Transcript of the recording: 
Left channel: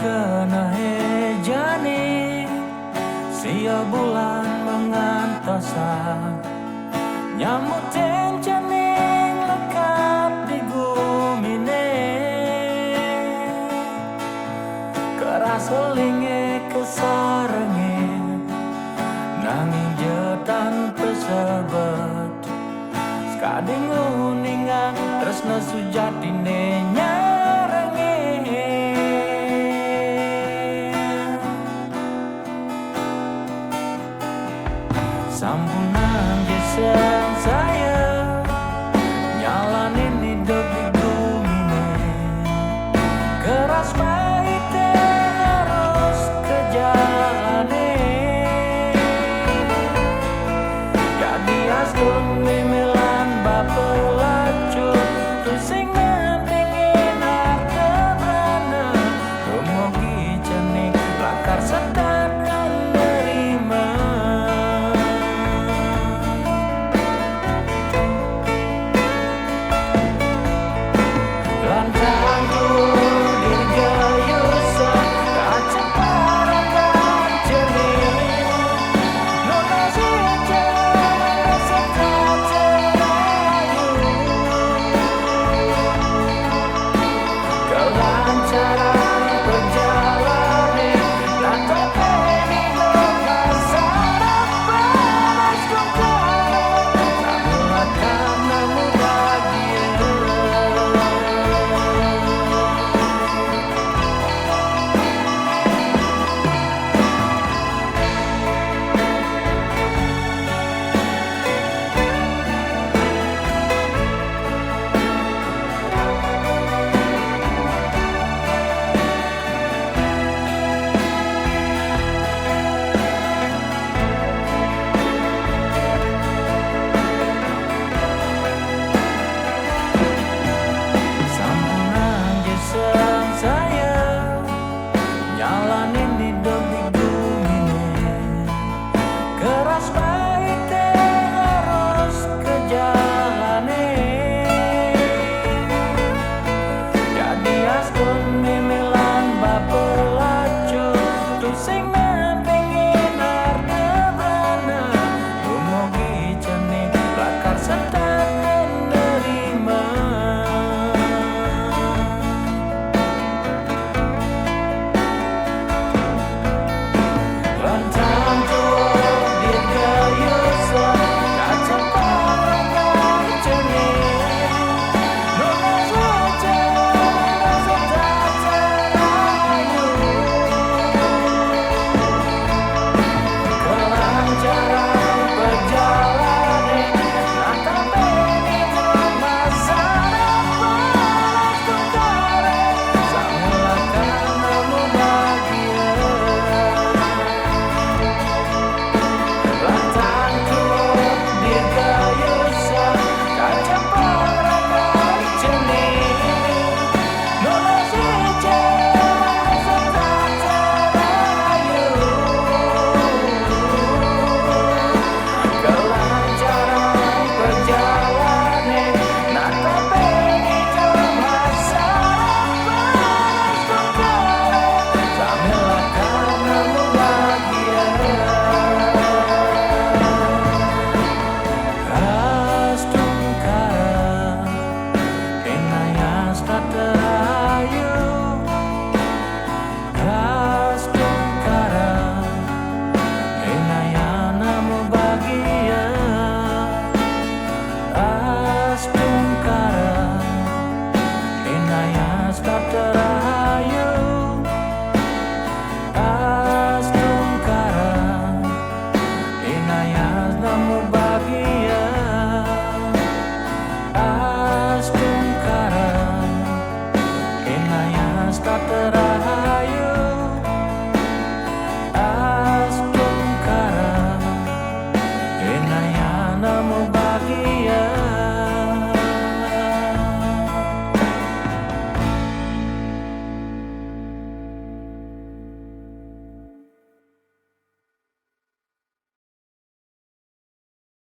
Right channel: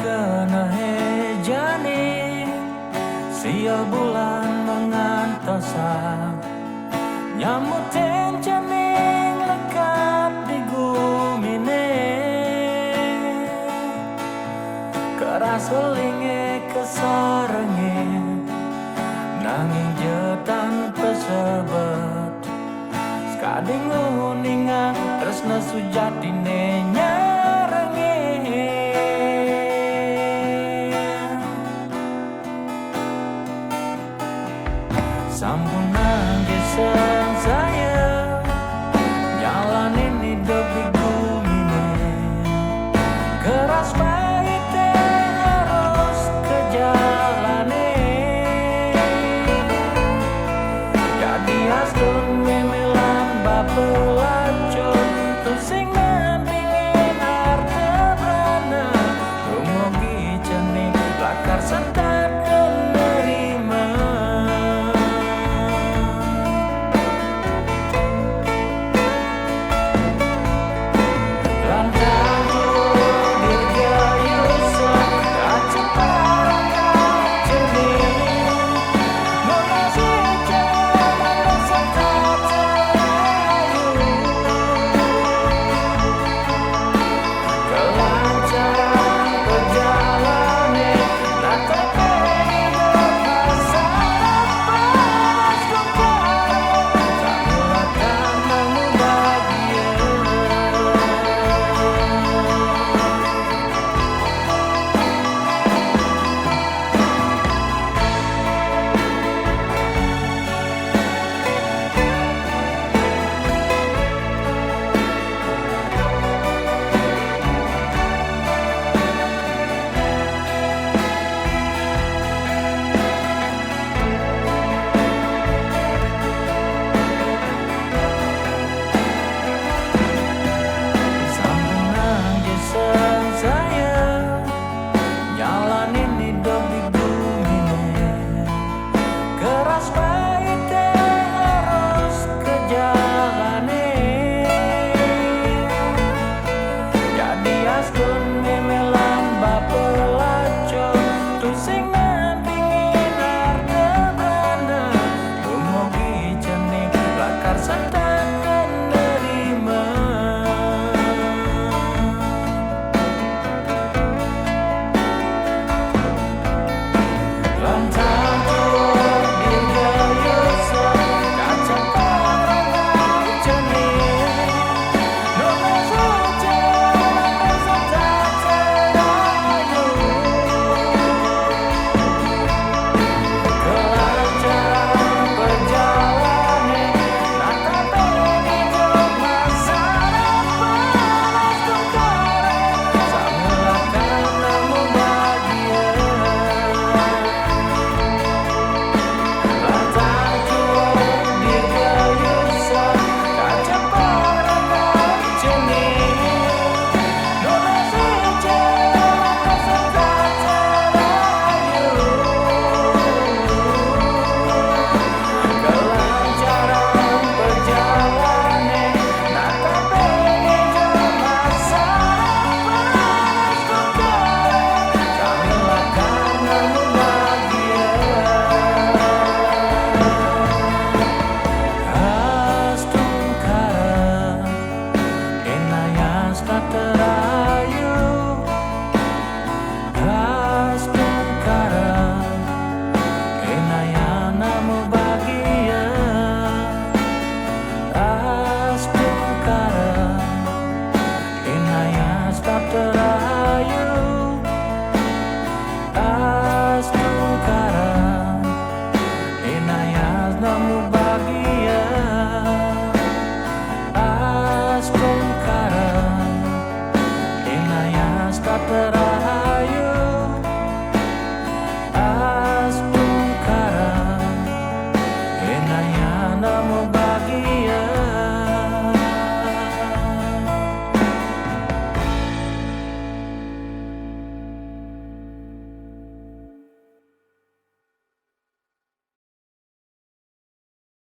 kena hejani sia bulan mengantosa nyamut tencaning lekat di gumine keras selinge kesarenge nanging jetan pesebet kading uningan tresna sujatine nyarenge sampunang jeseng saya nyalanin hidup di gumine keras pahite harus ke jalane jadi astun mimilan bapelaco tu sing nampingin harta brana dumugi cenik lakar setat nerima lantang tuh dirgayusa kaceparakan jenih nona si jamang setat terayu kelancaran perjalanan nata peni do pasar panas dongkare sambil karena mu bahagia jeseng saya nyalanin hidup di gumine keras pahite harus ke jalane jadi askun memelan bapelaco tu sing nampingin harta brana dumugi cenik lakar setat nerima lantang tua dirgayusa kaceparakan jenih nona saja merasa tak terayu kelancaran perjalanan nata peni hidup masa panas tungkare sambil karena mu bahagia dirgayusa kaceparakan jenih nona si jamang setat terayu kelancaran perjalanan nata peni hidup masa panas tungkare sambil karena mu bahagia tak terayu astungkara enayana mu bahagia astungkara enayas tak terayu astungkara enayas namu bahagia astungkara enayas tak terayu astungkara enayana mu bahagia